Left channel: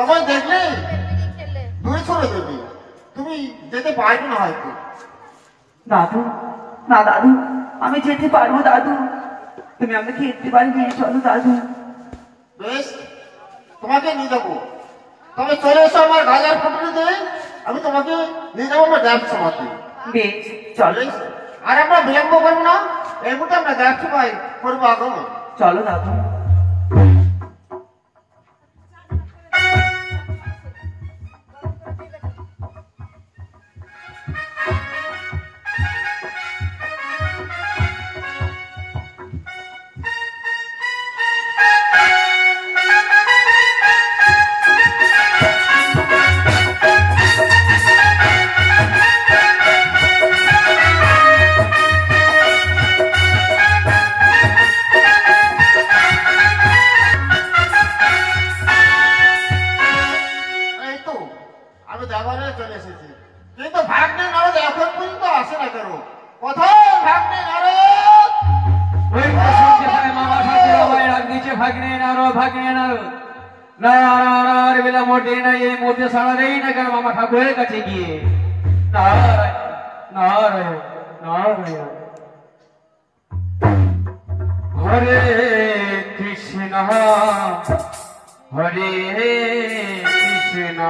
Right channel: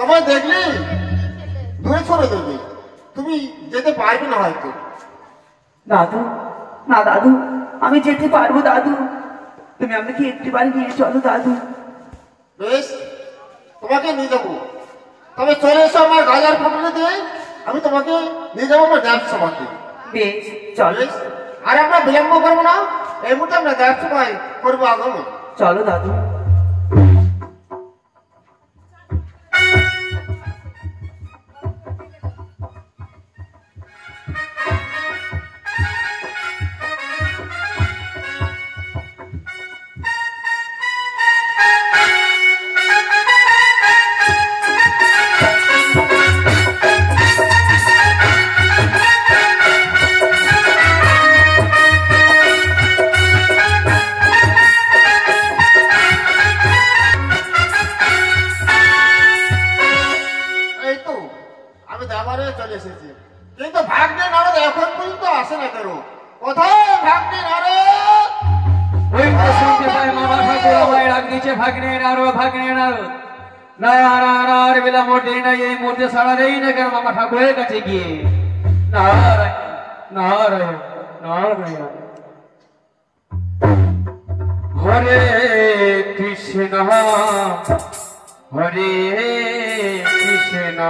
তোমায় দেখলে দূরে সরে দেবে, তুমি যেতে পারবে না হয়তো। দাদু, না দাদু, আমি যেতে পারবো দাদু, তুমি আমাকে একটু বাড়ি নিয়ে চলো দাদু। বেশ, তোমাকে নিয়ে যাবো, তবে চলে এসো আমার গাজার ফুটুরিতে, আমি তোমাকে নিয়ে যাবো আমার ডান্স সভাতে। বেশ চলো। বেশ, আর আমরা বিলম্ব করবো না, এই মুহূর্তে আমরা ডান্স সভায় করবো আগমন। চলো দাদু। মামা ঠাকুরের কাছে গিয়ে নারায়ণ নারায়ণ নারায়ণ হরে কৃষ্ণ হরে কৃষ্ণ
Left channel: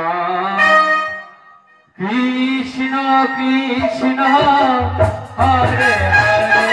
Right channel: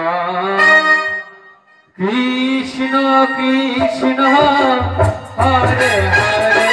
কৃষ্ণ কৃষ্ণ হরে হরে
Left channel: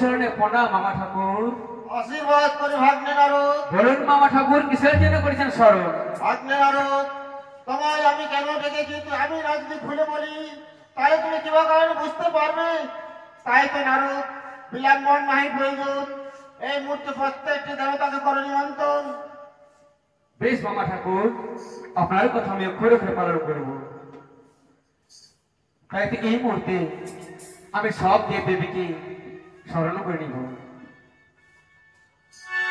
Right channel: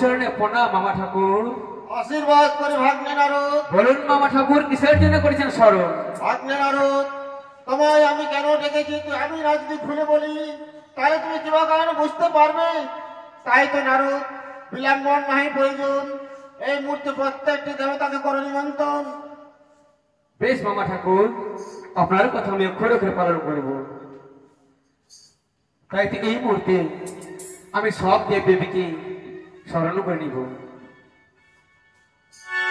চরণে প্রণাম মামা ঠাকুর। আশীর্বাদ করে ভাগ্নে নারদ। বলুন মামা ঠাকুর কিসের জন্য করেছেন স্মরণ? ভাগ্নে নারদ, তোমায় আমি কেন ডেকেছি আমি না যদি খুলে বলি তাহলে তুমি কিভাবে কারণে বুঝতে পারবে। তাই তো নারদ, বিলম্বন নাহি প্রয়োজন, এই মুহূর্তে প্রত্যেকটি দেবতাকে করো নিমন্ত্রণ। বেশ মামা ঠাকুর, আপনার কথা আমি অক্ষরে অক্ষরে পালন করব। তাই থেকে এই মুহূর্তে আমি সব দেব দেবীকে স্মরণ করে নিব।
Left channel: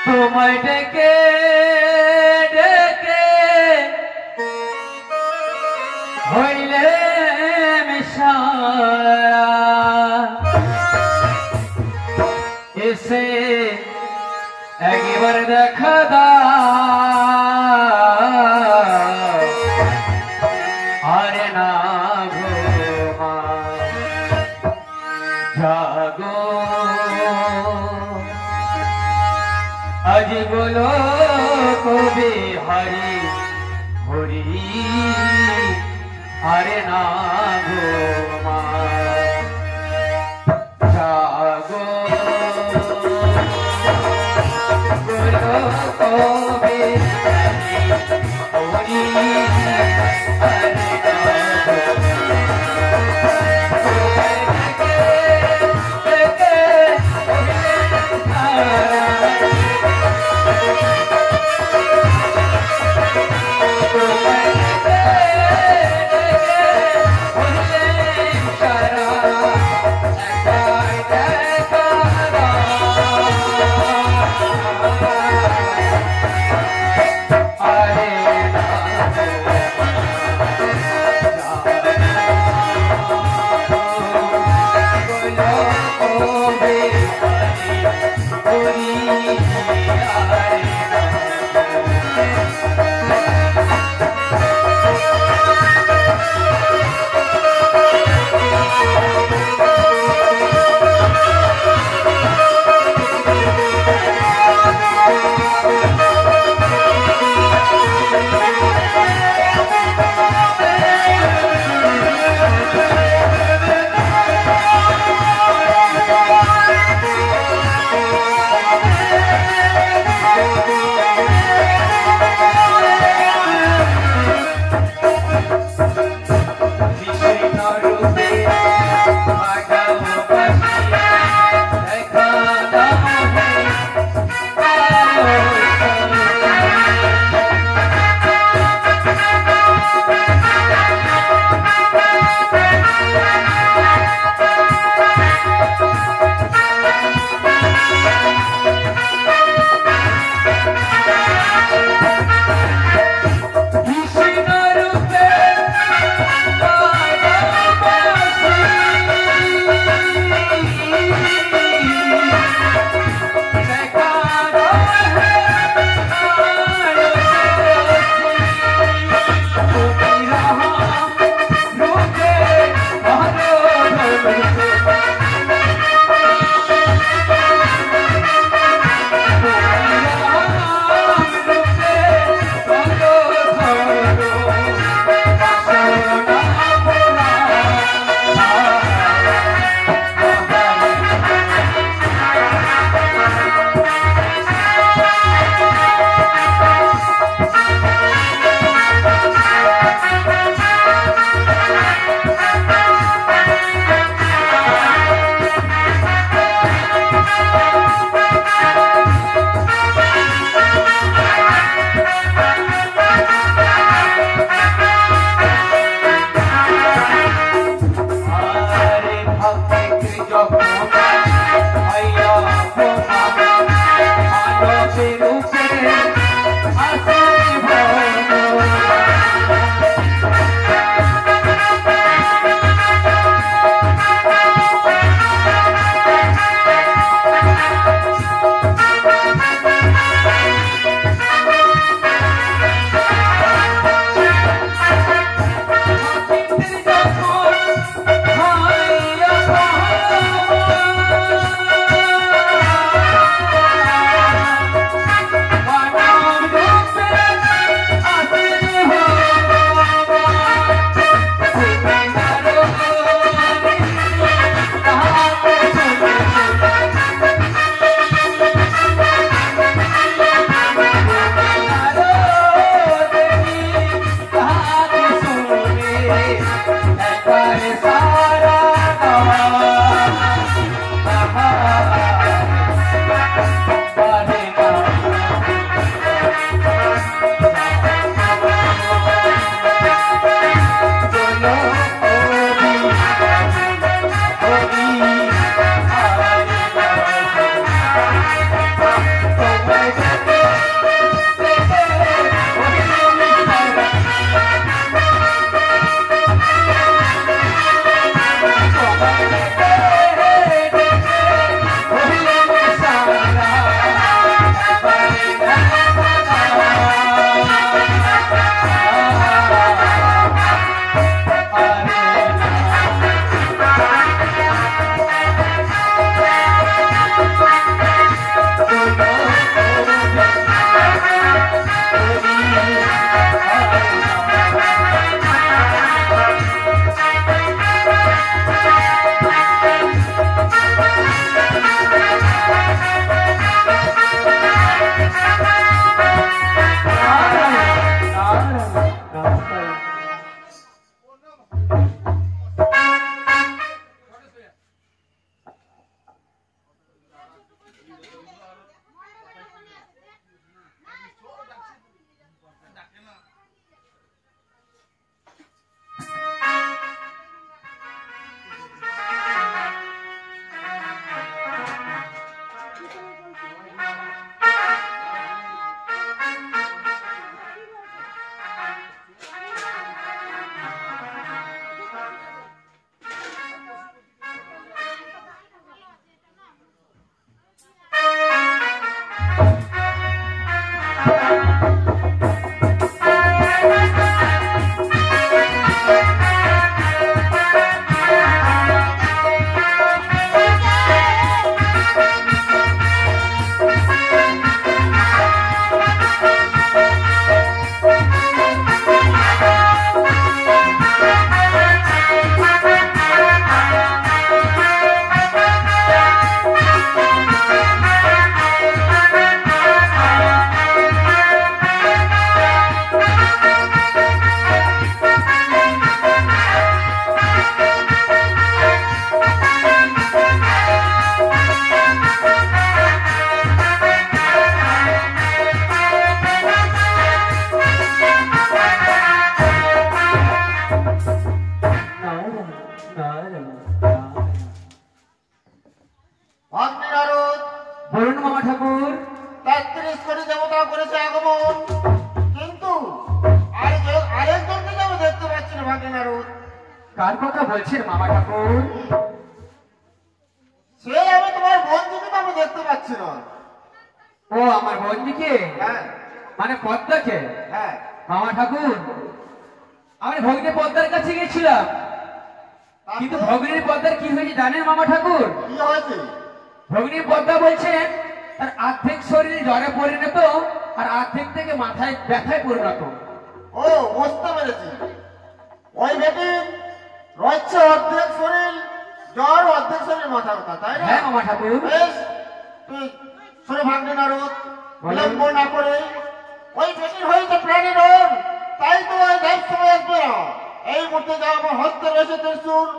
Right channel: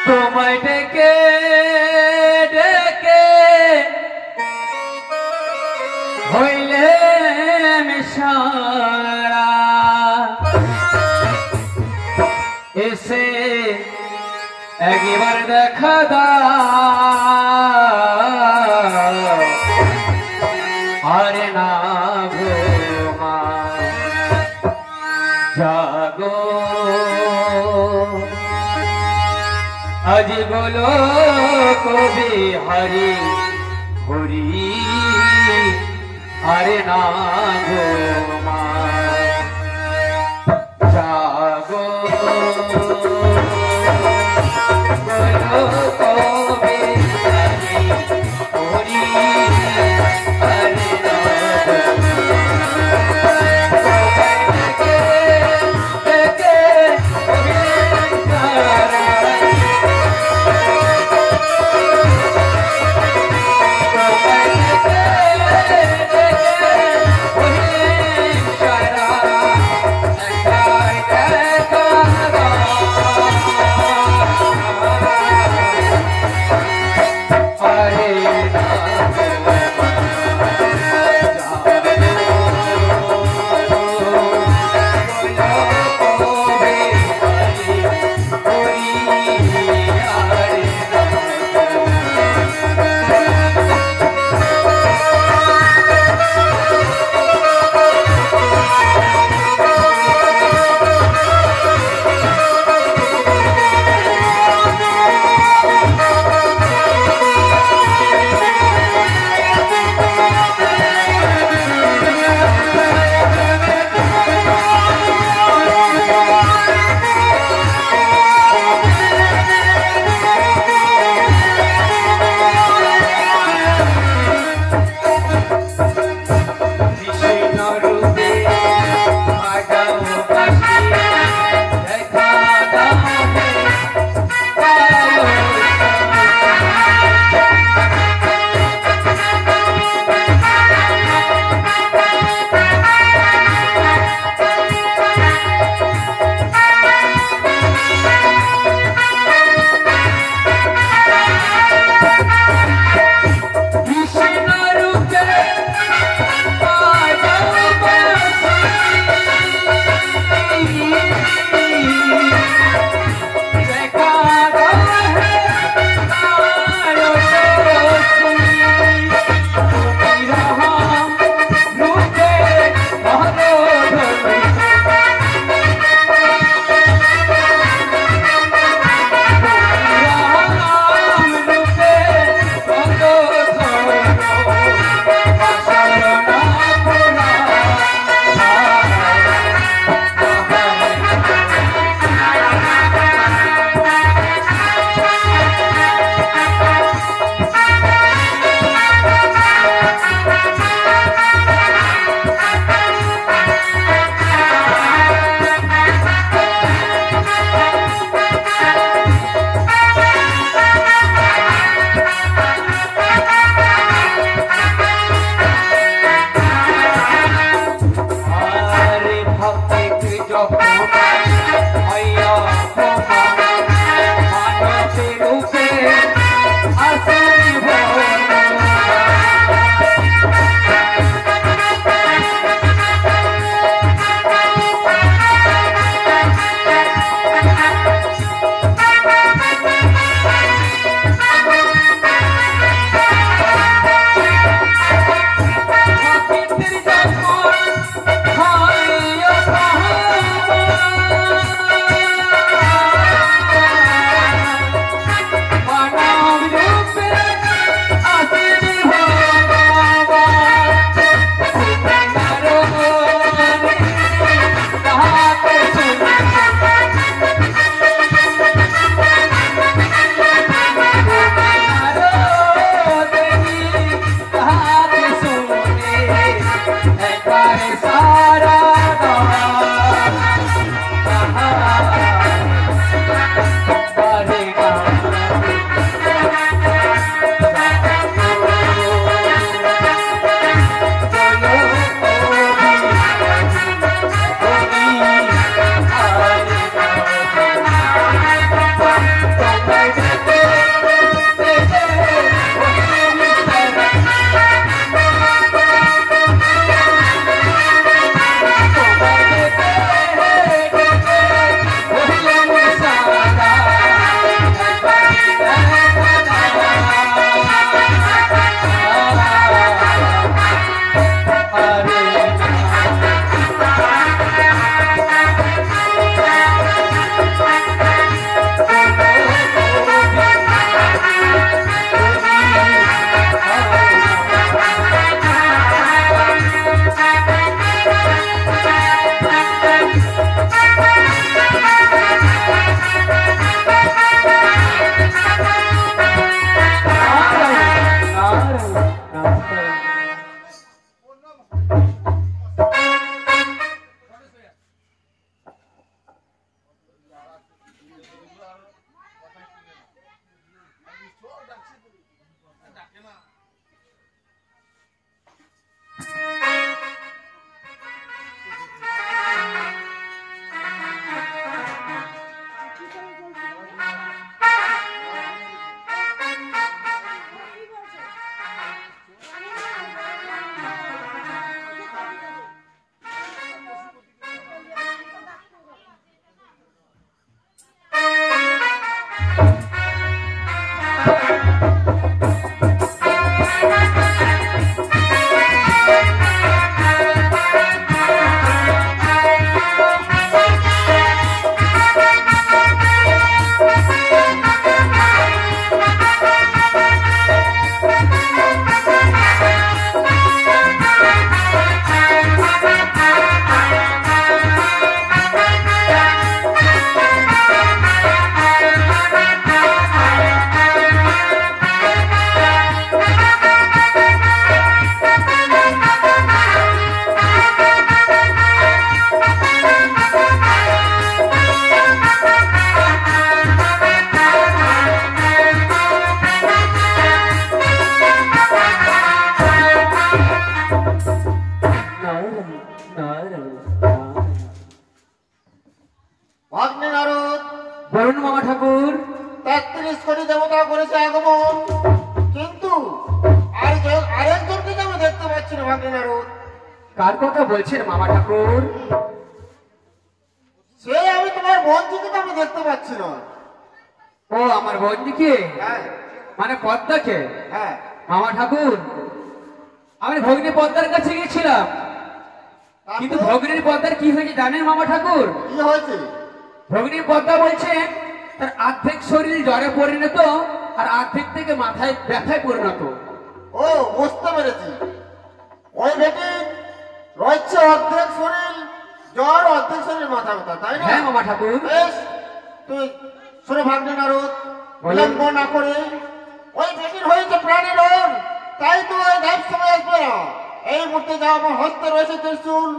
তোমায় ডেকে ডেকে হইলে মিশায়া এসে একবার দেখা দাও। আরে না গো মা জাগো, আজ বলো কবে হরি হরি। আরে না গো মা জাগো, বলো কবে হরি হরি। আরে না গো ভাগ্নে নারদ, বলুন মামা ঠাকুর। 33 কোটি দেবতা করেছে আগমন, কিন্তু আরেকজনকে তো আমি দেখতে পাচ্ছি না ভাগ্নে নারদ। কার কথা বলছেন মামা ঠাকুর? সে আমি তোমার বন্ধুকে তো আমি দেখতে পাচ্ছি না। ও আমার বন্ধুকে, হ্যাঁ মানে পদ্মাকে? হ্যাঁ, মামা ঠাকুর, আমি ভগ্নী পদ্মার কাছে গেছিলাম, কিন্তু ভগ্নীর পদ্মার কি হয়েছে জানেন মামা ঠাকুর? কি হয়েছে? ভগ্নী পদ্মা বলছেন তার অর্ধেক শরীর জ্বরে পরিণত আর অর্ধেক থেকে মাথায় ব্যথায় পরিণত। ও বুঝতে পেরেছি, ওই বেটি রয়েছে অর্ধেক শরীর জ্বর, অর্ধেক শরীর মাথা ব্যথা, তাই না? হ্যাঁ মামা ঠাকুর। বেশ, তুই শোনো ভাগ্নে নারদ, বিলম্ব না করে, ওই বেটির হয়েছে প্রাণীর রোগ, তাই তো ওই দেব সময় আসবে না। এই মুহূর্তে যা আমার হস্তে রয়েছে ত্রিশূল,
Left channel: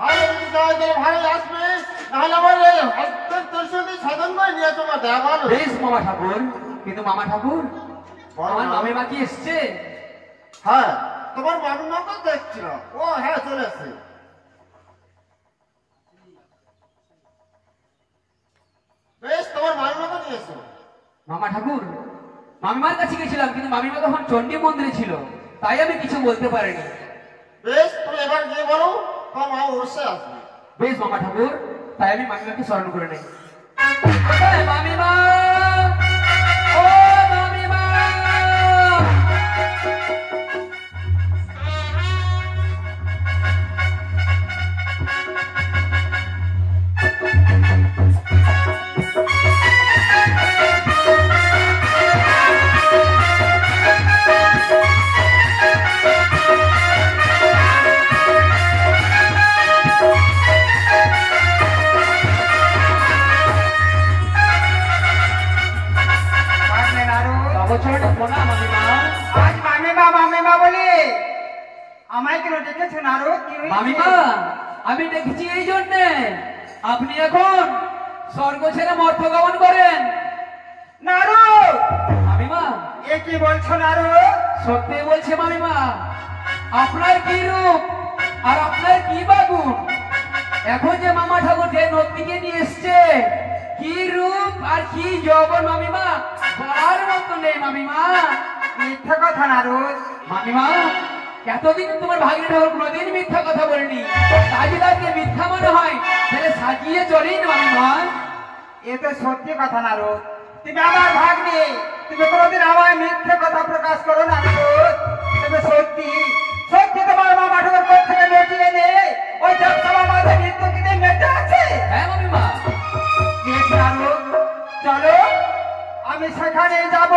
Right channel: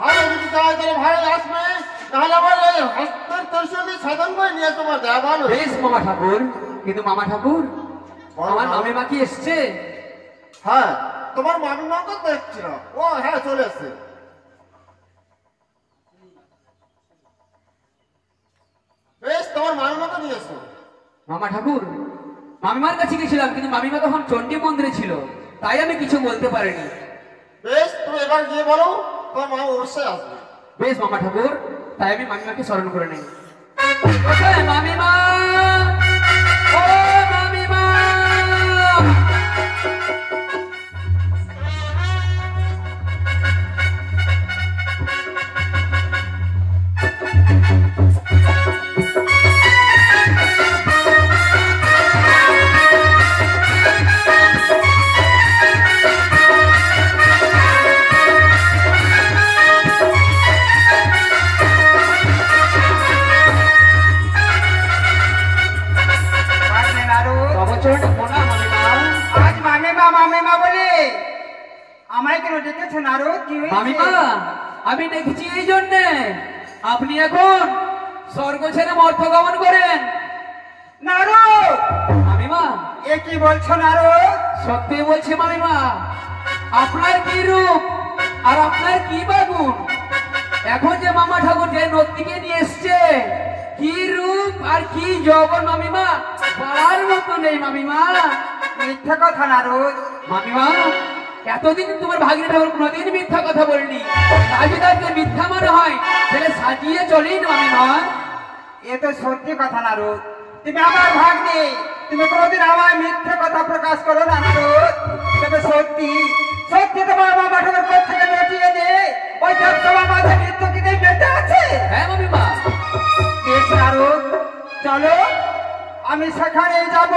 ভালো যদি যায় তাহলে ভালোই আসবে, নাহলে আমার এই হস্তের ত্রিশূল দিয়ে সাধন করে নিয়ে তোমার যা ভালো। বেশ মামা ঠাকুর, কিন্তু মামা ঠাকুর আমার মামিমা কি এসছে? হ্যাঁ, তোমার মামিমাকে দেখছিল। ও হ্যাঁ, চলে এসছে। বেশ, তোমার মামিমাকে নিয়ে এসো। মামা ঠাকুর, মামিমার কাছে গেছিলাম, কিন্তু মামিমা তখন চণ্ডী মন্দিরে ছিল, তাই আমি কিছু বলতে পারিনি। বেশ, তুমি এবার গিয়ে বলো, তোমার মা অবশ্যই আসবে। বেশ মামা ঠাকুর, তাই আমি মামিমাকে স্মরণ করে নেই। কোথায় মামিমা? ও মামিমা! বছরটা পোনা মামিমা। আজ মামিমা মামিমা বলে আমায় কেন ডেকেছো নারদ? কি হয়েছে? মামিমা, আমি দেখেছি এই জন্যে আপনি এখন স্বর্গ ছেড়ে মর্ত গমন করেন। নারদ, মামিমা, এ কি বলছো নারদ? সত্যি বলছি মামিমা, আপনার কি রূপ আর আপনার কি বাগুন! এখন যে মামা ঠাকুর যে নদীকে নিয়ে এসছে, কি রূপ আর কি যৌবন মামিমা, বলার মতো নেই মামিমা। মিথ্যা কথা নারদ। মামিমা, এতদিন তোমার ভাগ্নি ঠাকুর কোনোদিন মিথ্যা কথা বলনি, তাই যদি আজকে মিথ্যা মনে হয় তাহলে সাজিয়ে চলেই না মামিমা। এ তো সত্যি কথা নারদ। তুমি আমার ভাগ্নে, তুমি কোনোদিন আমায় মিথ্যে কথা প্রকাশ করো না নারদ। তবে সত্যি সত্যি তোমার মামা ঠাকুর কোথা থেকে লটিয়ে নে ওই দেবসভা মাঝে নৃত্যকে মেতে আছে। হ্যাঁ মামিমা। বেশ নারদ, চলো আমি সেখানে যাব,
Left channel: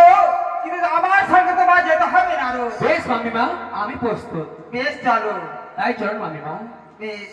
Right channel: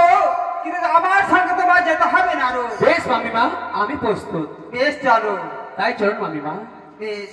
কিন্তু আমার সঙ্গে তোমার যেতে হবে নারদ। বেশ মামিমা, আমি প্রস্তুত। বেশ চলো। তাই চলুন মামিমা। বেশ।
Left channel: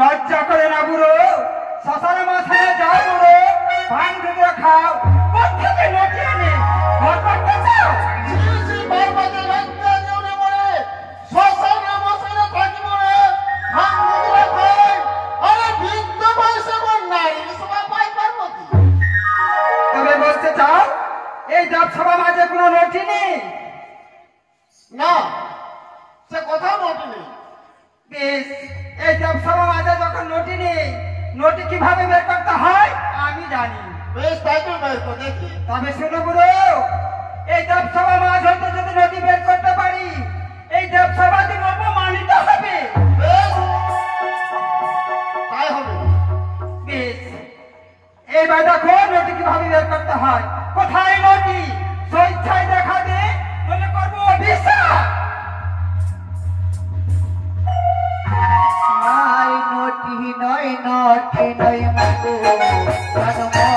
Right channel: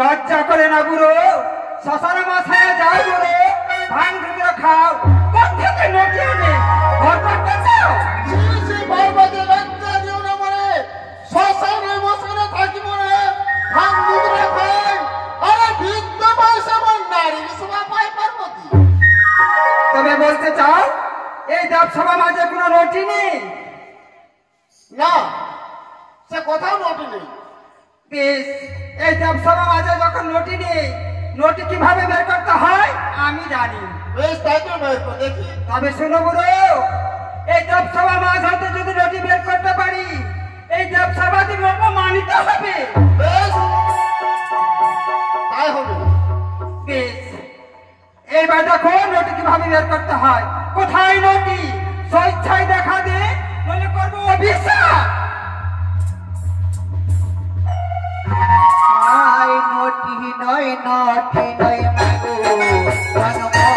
লজ্জা করে না বুড়ো? শ্মশানের মাঝখানে যাও বুড়ো, ভাঙ ধুতো খাও, কোথেকে নটিয়ে নে ঘর করতে চাও? পার্বতী, লজ্জা দিও না মনে, শ্মশানে মশানে থাকি মনে, ভাঙ দুধরা খাই, আরে বৃদ্ধ বয়সে আমার নারী সভা পায় পার্বতী। তবে বলতে চাও এই দেবসভা মাঝে কোনো নটি নেই? না, সে কোথাও নটি নেই। বেশ, এই দেবসভা মাঝে যখন নটি নেই, নটি কিভাবে বের করতে হয় আমি জানি। বেশ, তাই তো বের করে দেখি। তবে শোনো বুড়ো, এই দেবসভা মাঝ হইতে যদি নদী বের করতে পারি, এই দেবসভা দিন মানিতে হবে। বেশ, তাই হবে। বেশ, এবার দেখো নদী কিভাবে বের করতে হয়। কোথায় নদী? স্বেচ্ছায় দেখা দে, নইলে করবো অভিশাপ। নটি নয় নটি নয় মাগো মনমোদকে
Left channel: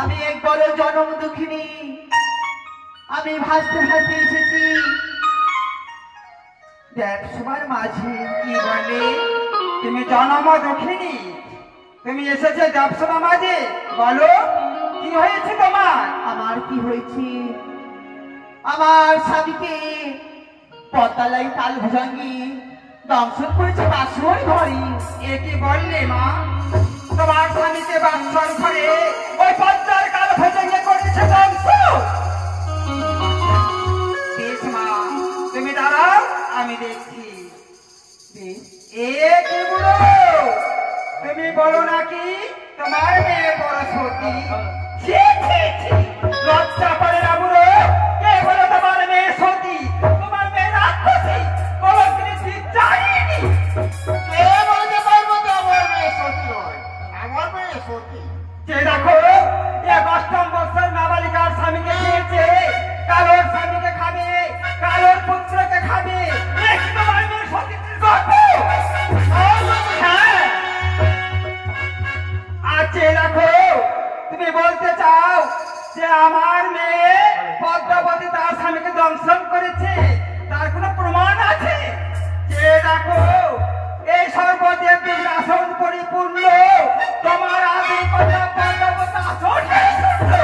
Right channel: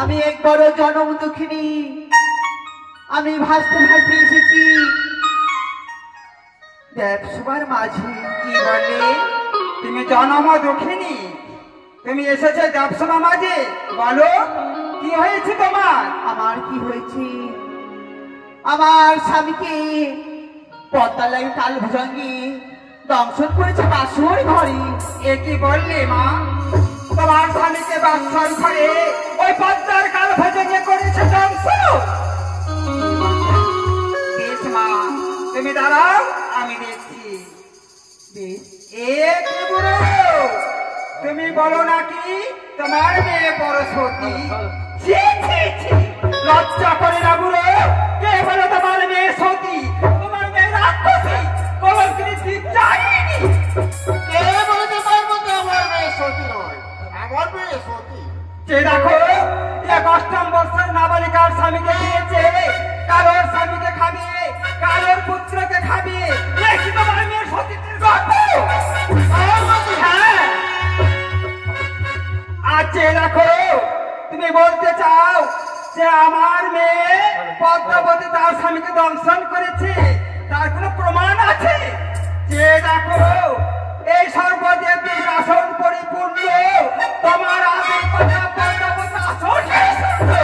আমি এক বড় জনম দুঃখিনী, আমি ভাসতে ভাসতে এসেছি দেখ সবার মাঝে। কি বললে? তুমি জনম দুঃখিনী, তুমি এসেছে দেবসভা মাঝে, বলো কি হয়েছে তোমার? আমার কি হয়েছে? আমার স্বামীকে পদ্মালাই কাল ভুজঙ্গি দংশন করেছে বাসর ঘরে। এ কি বললে মা? তোমার স্বামীকে বাসর ঘরে ওই পদ্মার কাল ভজঙ্গে করেছে ধ্বংস? বেশ মা, তুমি দাঁড়াও, আমি দেখছি। এ কি বুড়ো, তুমি বলো নাকি তোমার মেয়ে বড় সতী? ছি ছি ছি, লজ্জা করে না বুড়ো? কে বলো তোমার মেয়ে সতী? তোমার মেয়ে রাক্ষসী, বলো তিনি জানিনি। কে বলতে পারবো যে আমার মেয়ে সতী নয়? আমার মেয়ে সতী। যে দেখো এক অষ্টম বৎসর নাবালিকার স্বামীকে নিয়েছে, কারোর স্বামীকে খাবে, কারোর পুত্রকে খাবে, এই কি তোমার মেয়ের সতীত্বের গল্প? হ্যাঁ। আর যে দেখো তুমি বলতে চাও যে আমার মেয়ে পদ্মাবতী তার স্বামীকে দংশন করেছে, তার কোনো প্রমাণ আছে? যে দেখো এই সর্বদেবীর আসন পরিপূর্ণ, তোমার আগে কথা পদ্মাবতী আসন শুনলো।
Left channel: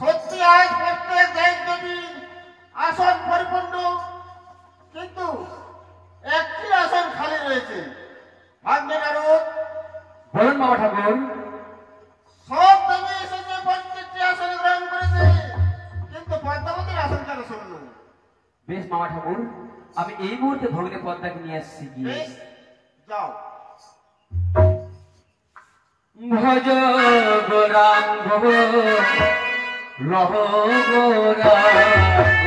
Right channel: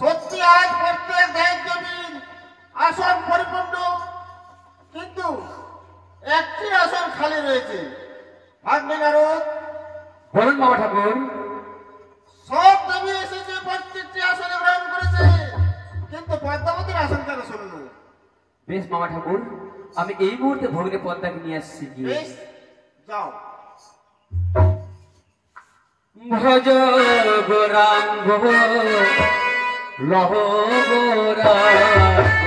সত্যি আজ প্রত্যেক দেব দেবীর আসন পরিপূর্ণ, কিন্তু একটি আসন খালি রয়েছে। ভাগ্নে নারদ, বলুন মামা ঠাকুর। সব দেবী এসেছে, প্রত্যেকটি আসনে গ্রহণ করেছে, কিন্তু পদ্মাবতীর আসন কেন শূন্য? বেশ মামা ঠাকুর, আমি এই মুহূর্তে ভগ্নে পদ্মাকে নিয়ে আসছি গিয়ে। বেশ, যাও। ভজ গৌরাঙ্গ লহ গৌরাঙ্গ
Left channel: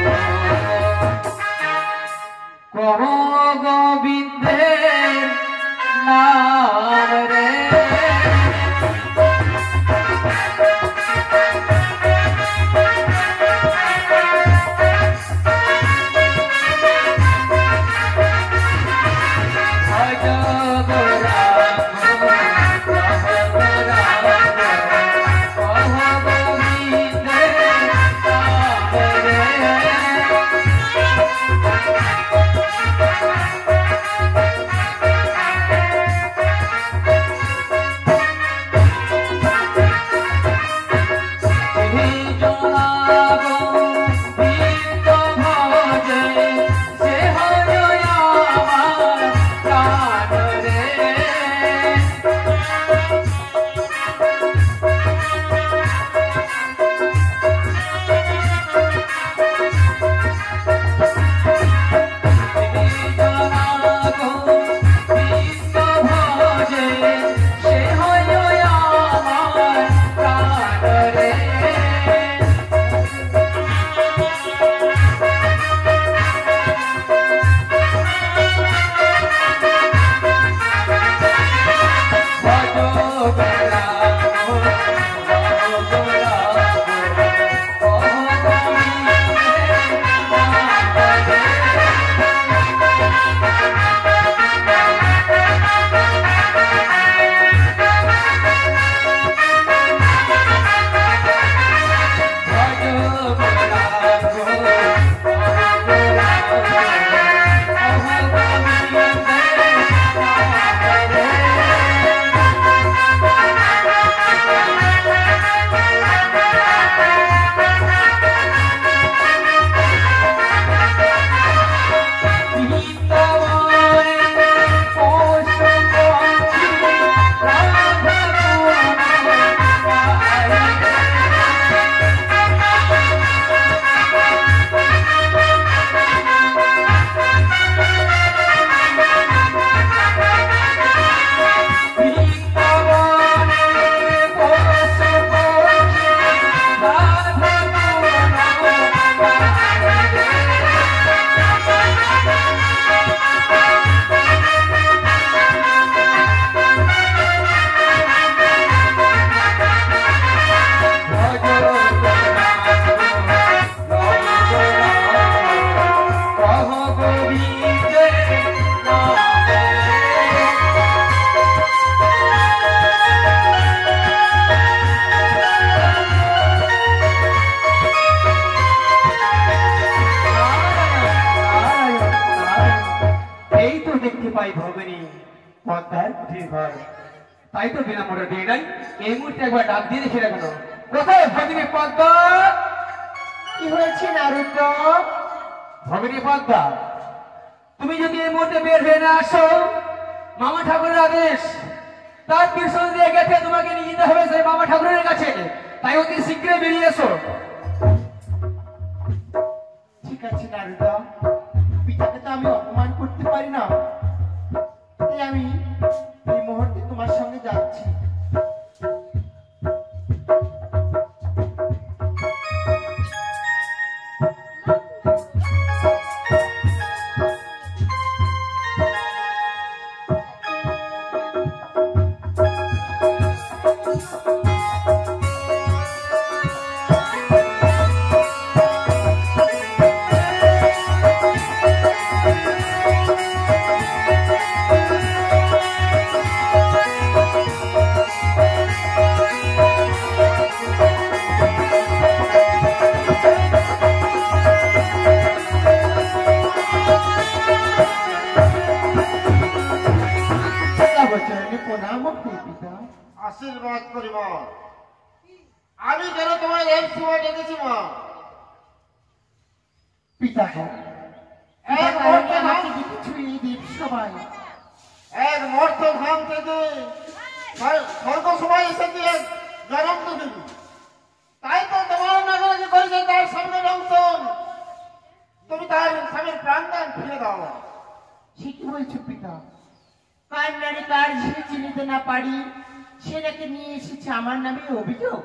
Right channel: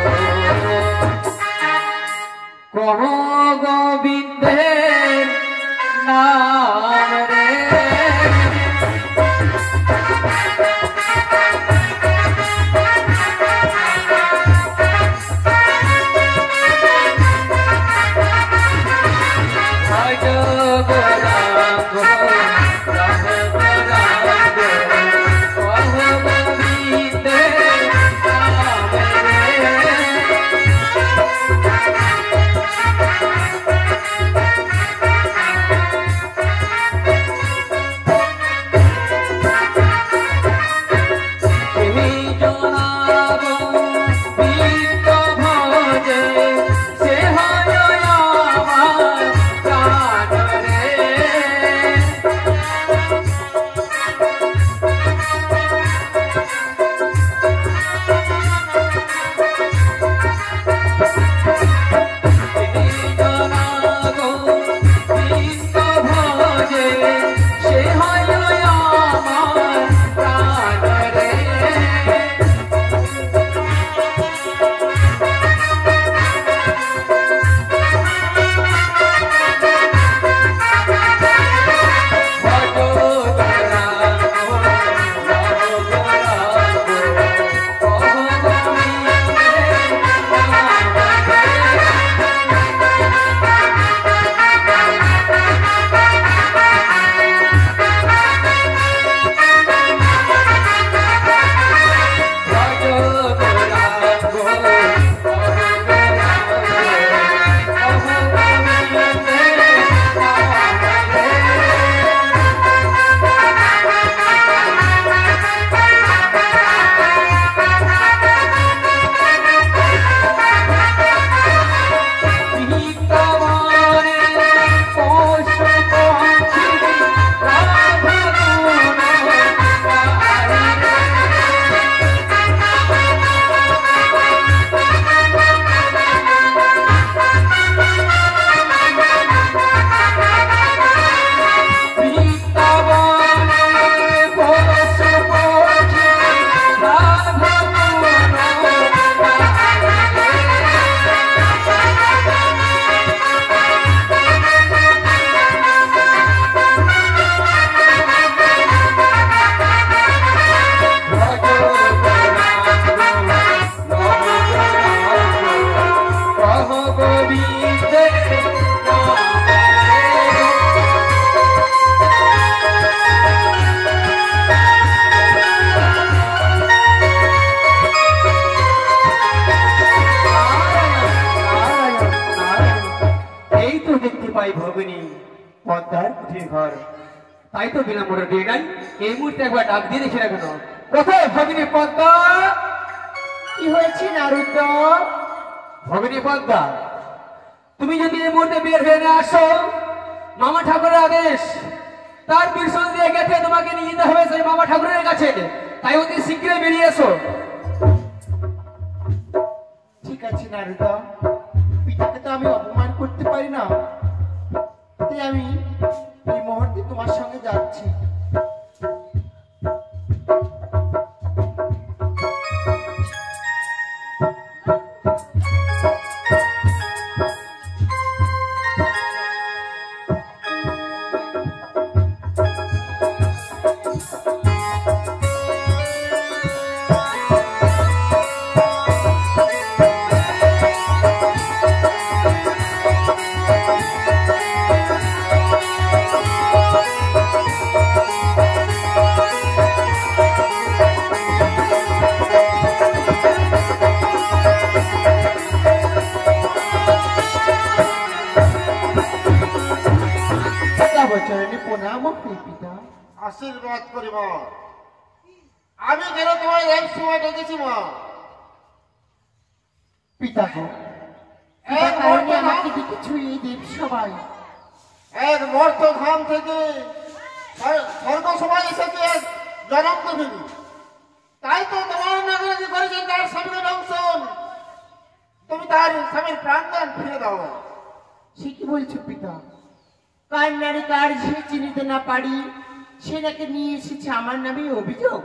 কহ গোবিন্দের নাম রে। ভজ গৌরাঙ্গ লহ গৌরাঙ্গ কহ গোবিন্দের নাম রে। কঠিন ঘর। তাই তো বিনা মোটর দিয়ে নাই এই মুহূর্তে একবার ডাক দিয়ে দেখি না কেন। কোথায় ভগিনী পদ্মা? কি হয়েছে নারদ? ভগিনী পদ্মা, তুমি যদি এই মুহূর্তে বের হয়ে না আসো, মামা ঠাকুরের আদেশ, তার পিছন দিয়ে গেছে তোমাকে নিয়ে যেতে হবে সেই মামা ঠাকুরের কাছে। তাই অতি শীঘ্রই বেরিয়ে এসো। ঠিক আছে নারদ, পিতাকে তো আমি অপমান করতে পারি না, তাই আমি এই মুহূর্তে তোমার সঙ্গে যাচ্ছি। চরণে প্রণাম পিতা। আশীর্বাদ করিব। আমি কেন তোমার এক সময় ডেকেছি মা? পিতা গো, এক কারণে মর্ত আমাকে ধাম- দেখেছো এই দেব সবাই। এক মর্ত ধাম থেকে স্বর্গ সবাই এসেছে এক জনক দেবী। তাই তো তোমার নাগারাজি করেছে তার স্বামীকে দংশন। তুমি তার স্বামীর প্রাণদান ফিরে দাও। সে কি বলছো পিতা? কার নারী কার ঝিয়ে চিনিতে না পারি সে নাকি নিয়ে এসেছে আমার নামে অভিযোগ?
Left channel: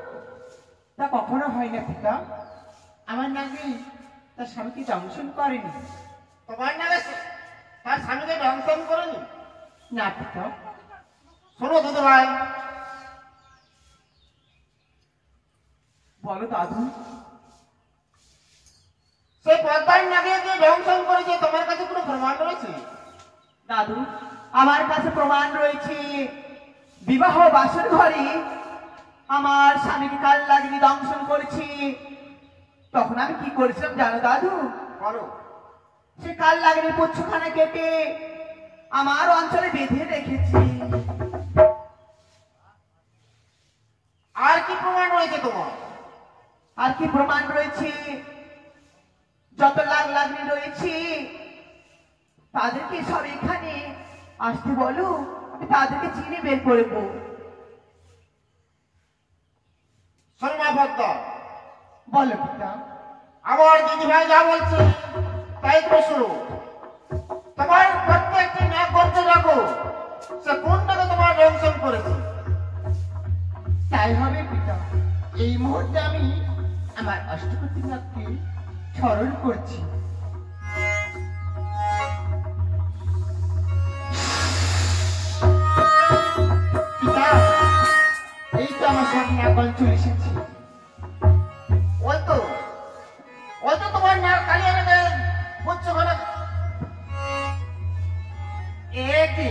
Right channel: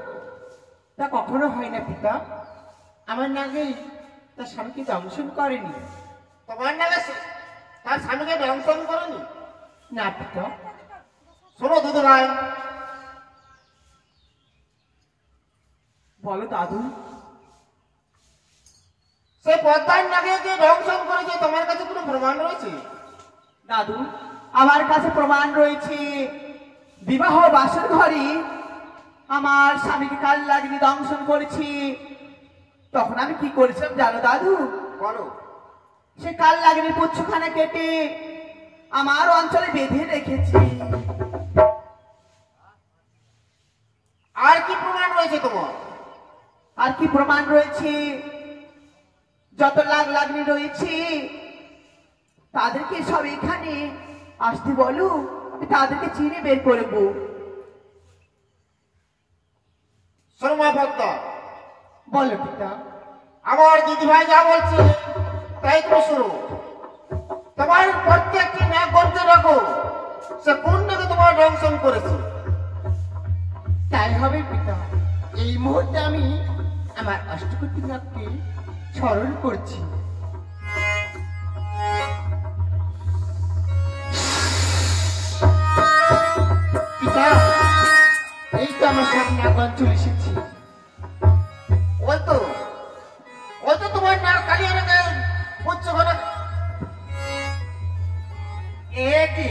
তা কখনো হয় না পিতা। আমার নাগে তার স্বামীকে দংশন করেনি। তোমার নাগে তার স্বামীকে দংশন করেনি? না পিতা। শোনো দুধু ভাই, বলো দাদু। সে পদ্মার নাগে যে দংশন করেছে তোমার কাছে কোনো প্রমাণ রয়েছে? দাদু, আমার কাছে প্রমাণ রয়েছে। বিবাহ বাসর ঘরে আমার স্বামীকে কাল লাগনি দংশন করেছি। তখন আমি কি করেছিলাম জানো দাদু? বলো। সে কাল লাগনি পুচ্ছখানা কেটে আমার অঞ্চলে বেঁধে রেখেছি। আর কি প্রমাণ রয়েছে তোমার? আর কি প্রমাণ রয়েছে? যত লাগনি রয়েছে তাদেরকে সব এখানে আসতে বলো, আমি তাদেরকে চিনে বের করবো। শোনো মা পদ্মা, বলো পিতা। আমার দিদি ভাই যা বলছে তাই তুমি শুনো। তোমার প্রত্যেকটি নাক করতে রাখো সে কোন নাকে তোমার দংশন করেছে। তাই হবে পিতা। এই মুহূর্তে আমি আমার অষ্টপতি নাথকে স্মরণ করছি। পিতা, এই তো আমার সামনে নাগ অঞ্চল এসেছি। ওই তো তোমার নাক কালিয়া নাকে পুচ্ছখানা। এ কি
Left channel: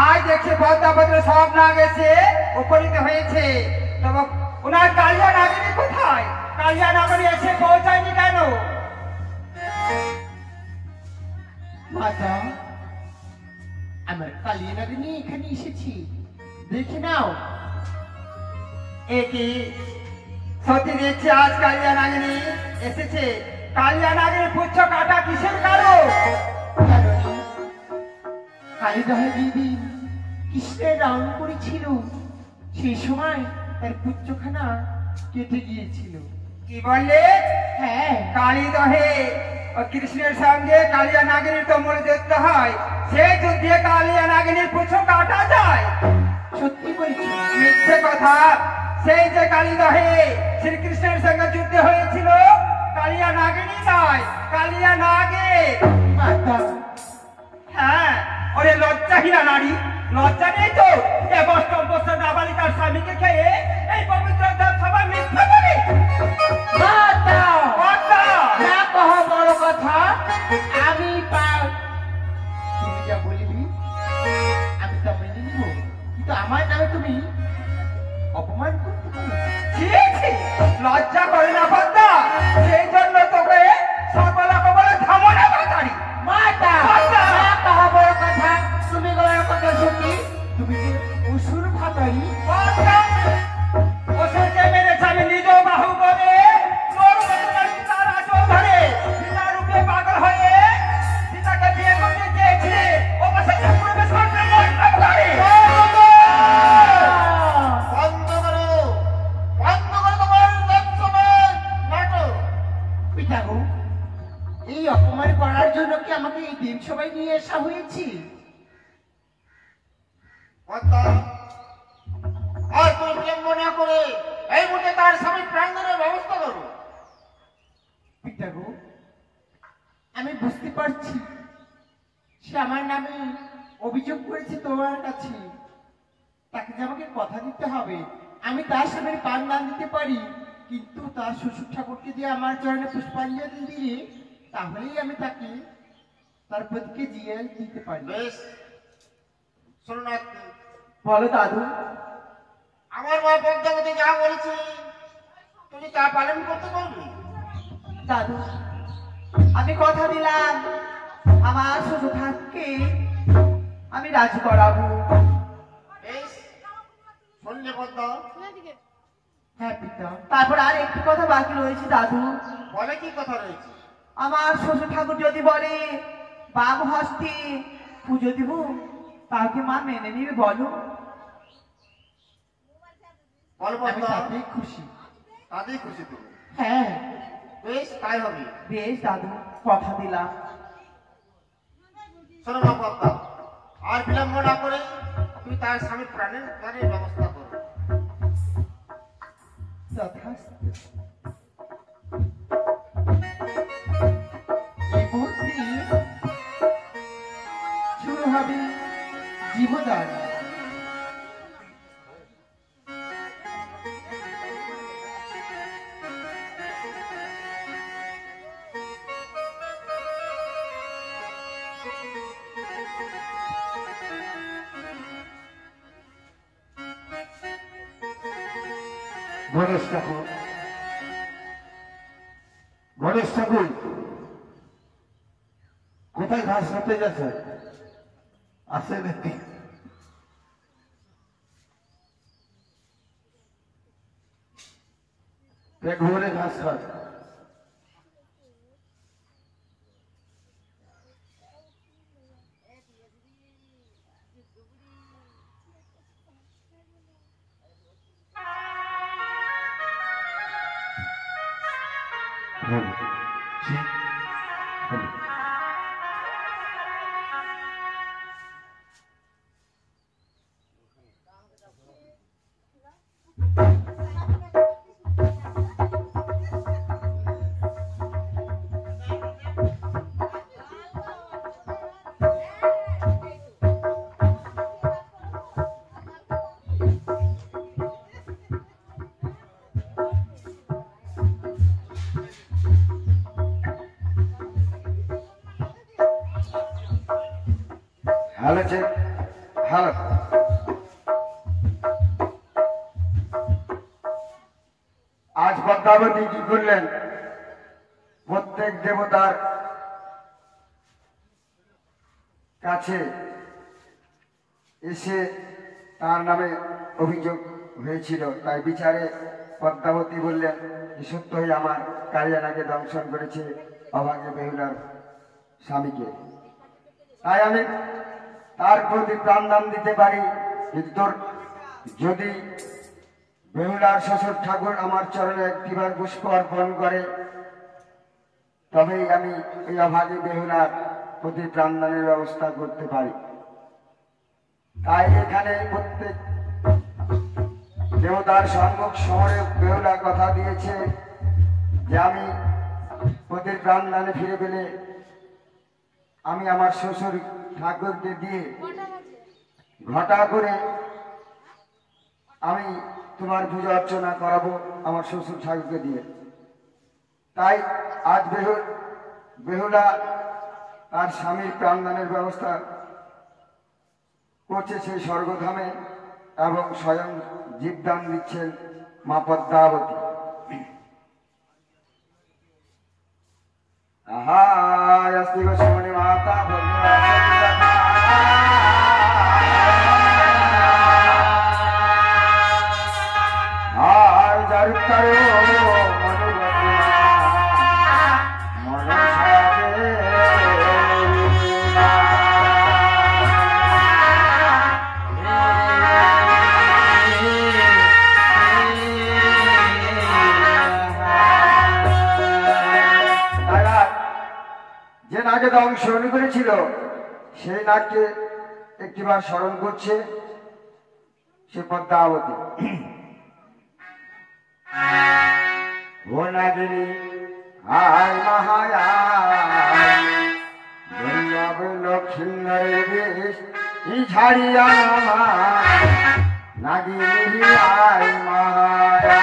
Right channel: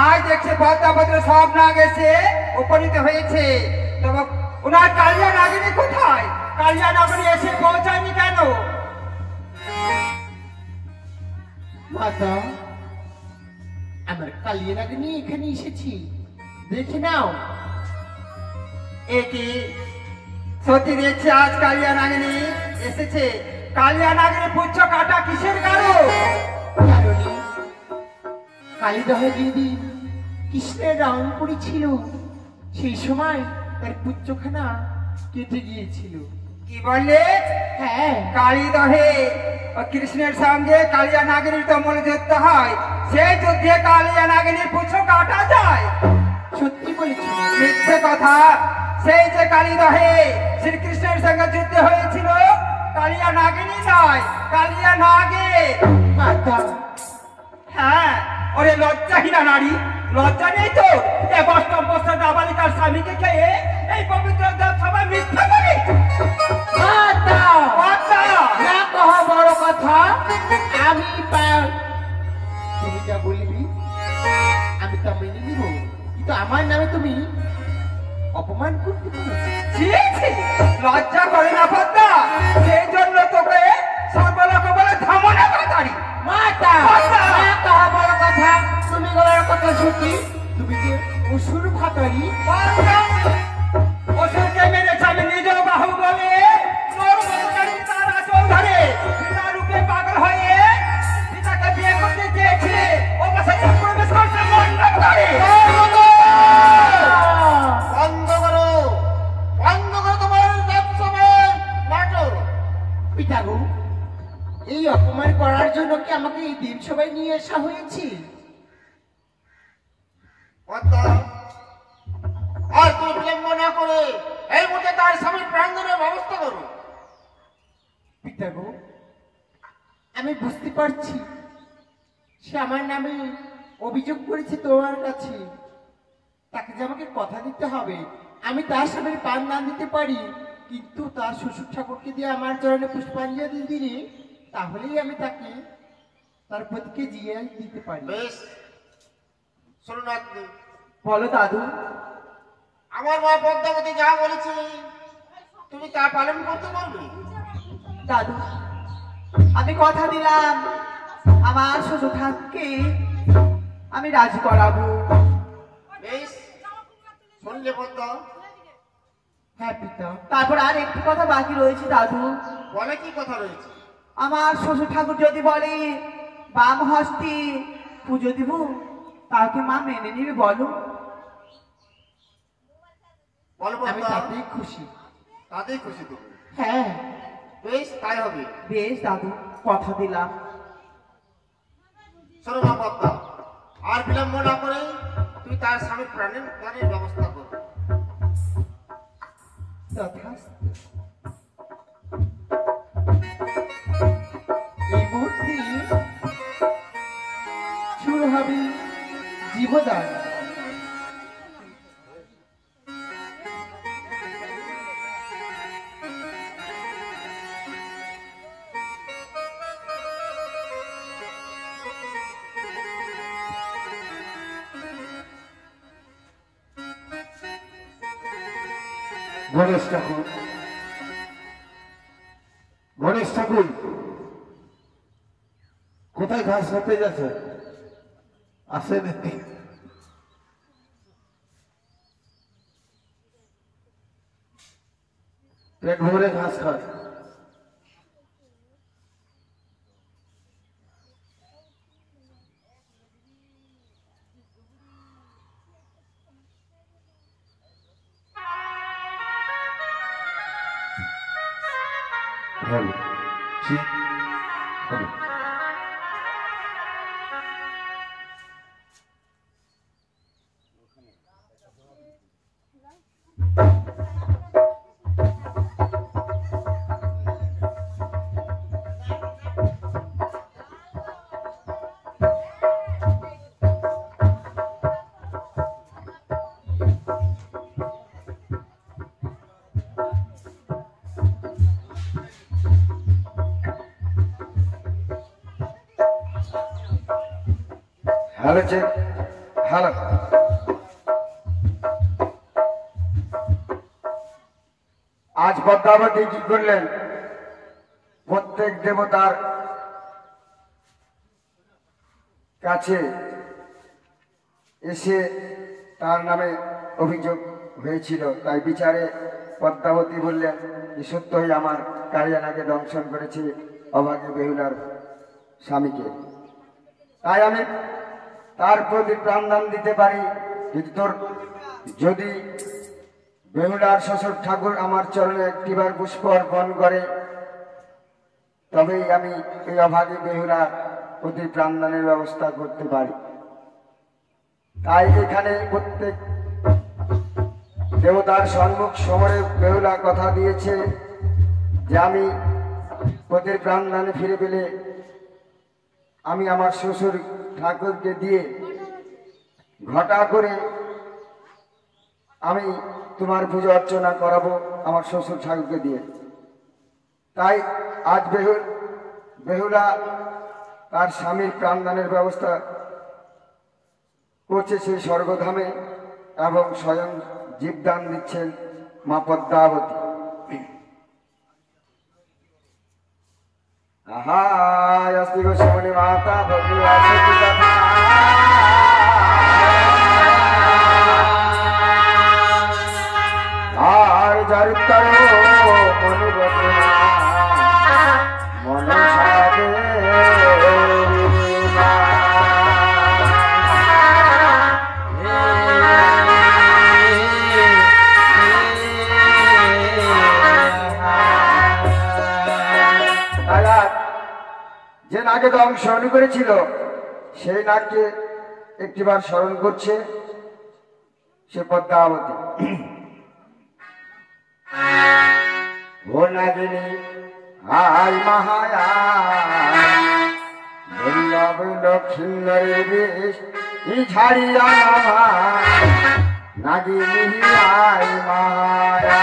আজ দেখছি পদ্মা পদ্মা সব না গেছে উপনীত হয়েছে, তবে ওনার কালিয়া নাগিনী কোথায়? কালিয়া নাগিনী এসে পৌঁছায়নি কেন? মাতা, আমার কালিয়া নাগ নিয়ে এখানে এসেছি, দেখে নাও। এ কি সত্যি দেখছি আজ কালিয়া নাগিনী এসেছে। কালিয়া নাগিনীর পুচ্ছ কাটা কিসের কারণ? কারণে কালীদহে যেদিন কৃষ্ণের রং করেছিল সেই সময় তার পুত্রখানা কেটে গিয়েছিল। কি বললে? হ্যাঁ, কালীদহে ও কৃষ্ণের সঙ্গে কালিয়া নাগিনীর তো মূল যুদ্ধ হয়, সেই যুদ্ধে কালিয়া নাগিনীর পুচ্ছ কাটা যায়? সত্যি বলছি। মিথ্যে কথা। সেই যে কালীদহে শ্রীকৃষ্ণের সঙ্গে যুদ্ধ হয়েছিল কালিয়া নাগিনী নয়, কালিয়া নাগে। মাতা, হ্যাঁ, ওরে লজ্জাহীনা নারী, লজ্জা নেই তো? এ অষ্টম বছর নাবালিকার স্বামীকে খেয়ে এই পবিত্র দেব সবাই মিথ্যে বলে। মাতা, পদ্মা, না কহ বড় কথা। আমি তুমি যা বলবি আমি তা মেনে নিব, কিন্তু আমার নামে তুমি অপমান করতে পারো না। ছি ছি, লজ্জা করে না পদ্মা? সেই জন্য তোকে সর্বলোক বলে ধমনা বাতাড়ি। মাতা, মাতা! না কহ বড় কথা। তুমি বলার কথা সত্যি, তুমি যে অসুর ভাতারি। অসুরকে মেরেছে আমি নিজেও বাহু বলে তারা চৌধুরী বিনা রূপে পাগল হয়ে পিতাকে বিয়ে করতে চেয়েছে ও পাশে প্রবেশ করতে বন্ধ করো তোমার ব্যবসায় নাটক। পিতাগো, এই অপমান করার জন্য কি আমাকে এই দেব সবাই নিয়ে আসা হয়েছে? পদ্মা, আর তুমি বিলম্ব না করে এই মুহূর্তে তার স্বামীর প্রাণদানের ব্যবস্থা করো। পিতাগো, আমি বুঝতে পারছি সে আমার নামে অভিযোগ করেছে তোমার কাছে। তাকে যে আমাকে কথা দিতে হবে, আমি তার স্বামীর পান দান দিতে পারি, কিন্তু তার শ্বশুর ঠাকুরকে দিয়ে আমার চরণে পুষ্পাঞ্জলি দিলে তাহলেই আমি তাকে তার প্রতিকে জিয়ে দিতে পারি। বেশ, শোনো না, বলো দাদু। আমার মা পদ্মাবতী যা বলেছে তুমি তা পালন করতে পারবে? দাদু, আমি কথা দিলাম আমার শ্বশুর ঠাকুরকে আমি রাজি করাবো। বেশ, শুনলে পদ্মা? হ্যাঁ পিতা। তারপর আর একটু কথা বাকি রয়েছে দাদু। বলে কি কথা রয়েছে? আমার শ্বশুর ঠাকুর যদি বলে বাম হস্তে পুজো দিব, তাকে মা মেনে নিবে বলো? বলো আমি পদ্মা, তাতেই খুশি। তাতেই খুশি তুমি? হ্যাঁ। বেশ, তাই হবে। বেশ দাদু, কথা দিলাম। শোনো মা পদ্মা, আর বিলম্ব না করে তুমি তার স্বামীর প্রাণের দানের ব্যবস্থা করো। তথাস্তু। এই মুহূর্তে শুরু হবে জীবদান। গণেশ ঠাকুর, গণেশ ঠাকুর কোথায় ঘাস কাটতে গেছে? আসে নাকি? পেট ভরে ঘাস খায়। হ্যালো, জি, হ্যালো। Hello check, hello. আজ পদ্মাবতী কি করলেন? প্রত্যেক দেবতার কাছে এসে তার নামে অভিযোগ হয়েছিল, তাই বিচারে পদ্মাবতী বললেন যে সত্যই আমার কালিয়ানাকে দংশন করেছে অভাগী বেহুলার স্বামীকে, তাই আমি তার প্রতি প্রাণদান দিতে পারি। কিন্তু তোর যদি বেহুলার শ্বশুর ঠাকুর আমার চরণে একটিবার পুষ্প অর্পণ করে, তবেই আমি এই অভাগী বেহুলার প্রতি প্রাণদানের ব্যবস্থা করতে পারি। তাই এখানে প্রত্যেক দেবতার সম্মুখ সমরে বেহুলা কথা দিয়েছে যে আমি প্রতি প্রাণদানে ফিরে পেলে আমি আমার শ্বশুর ঠাকুরকে দিয়ে ঘটা করে আমি তোমার পূজা অর্চনা করাবো আমার শ্বশুর ঠাকুরকে দিয়ে। তাই আজ বেহুলা তার স্বামীর প্রাণদানের ব্যবস্থা করছে সেই স্বর্গধামে, এবং স্বয়ং জীবদান দিচ্ছেন মা পদ্মাবতী। আহা অস্তি গোসমণি মাতা ভগবান যার তার মনিবতনা মনসাবে যে নাকে দংশন করেছিল সেই নাককে একটিবার স্মরণ করছে সে পদ্মাবতী। ও নাগিনী আয় মহায়া বল্লভ লক্ষ্মীন্দরের বেশ ই ঝাড়িয়া নামা নাগিনী আয় মহায়া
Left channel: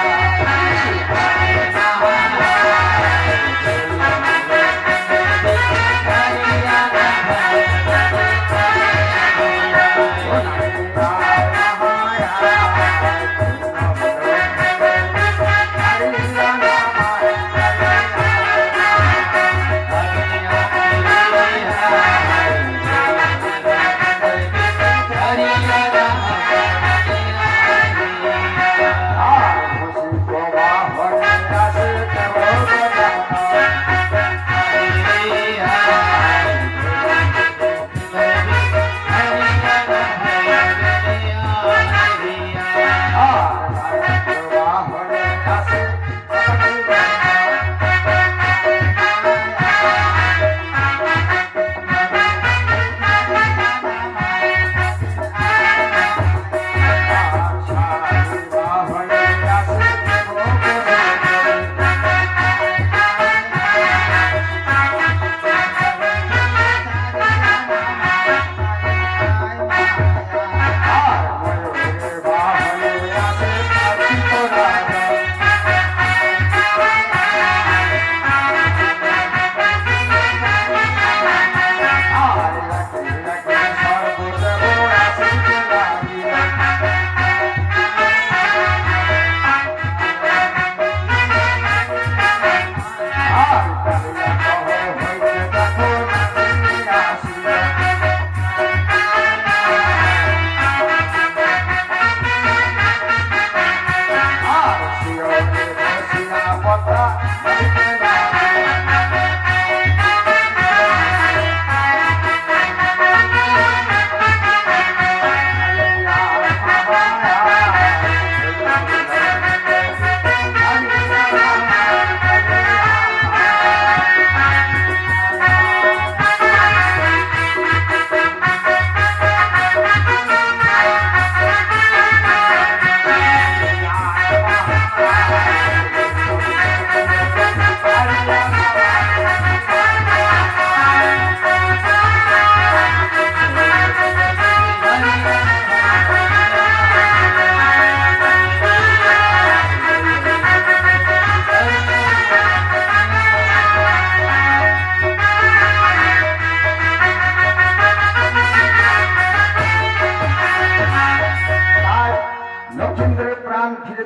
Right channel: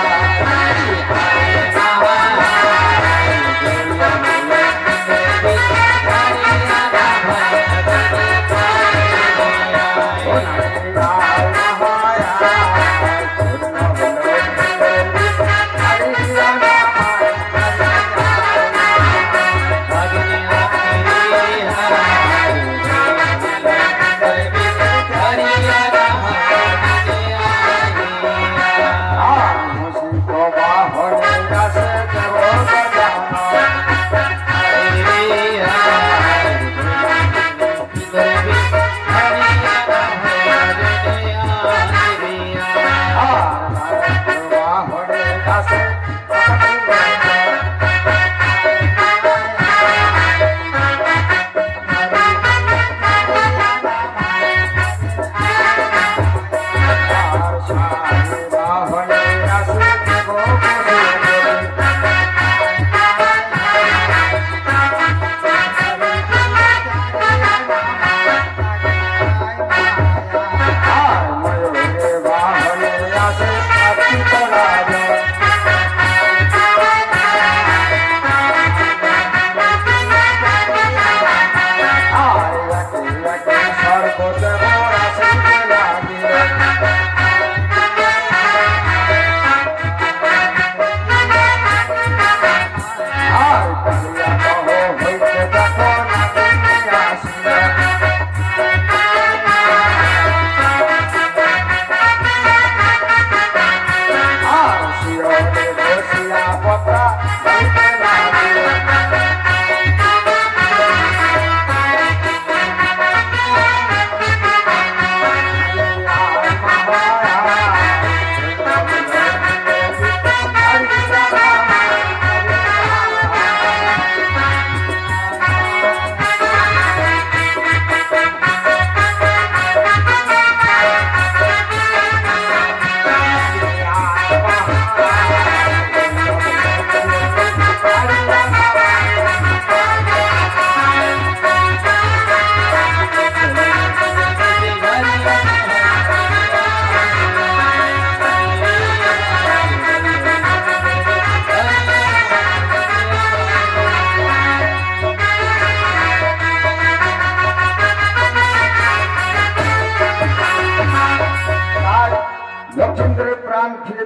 লক্ষ্মীন্দরের প্রাণ ফিরে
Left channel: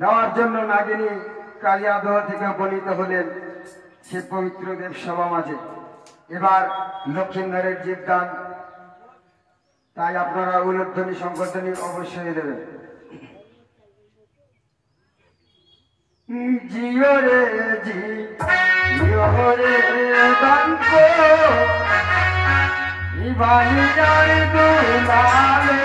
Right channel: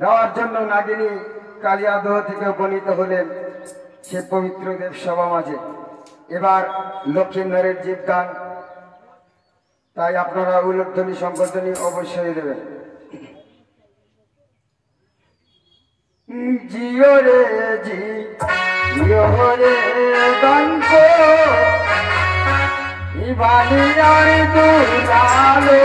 দেওয়ার জন্য নাগিনী কালিয়াদহ থেকে উপনীত হলেন সে পবিত্র দেব সভা মাঝে। এবার লক্ষ্মীন্দরের জীবদান, তাই আপনারা উল্লেখধ্বনি সংকোচনী অবশ্যই দেবেন। জিও রে জিও রে দন্ত ইবানিয়ার দুলালো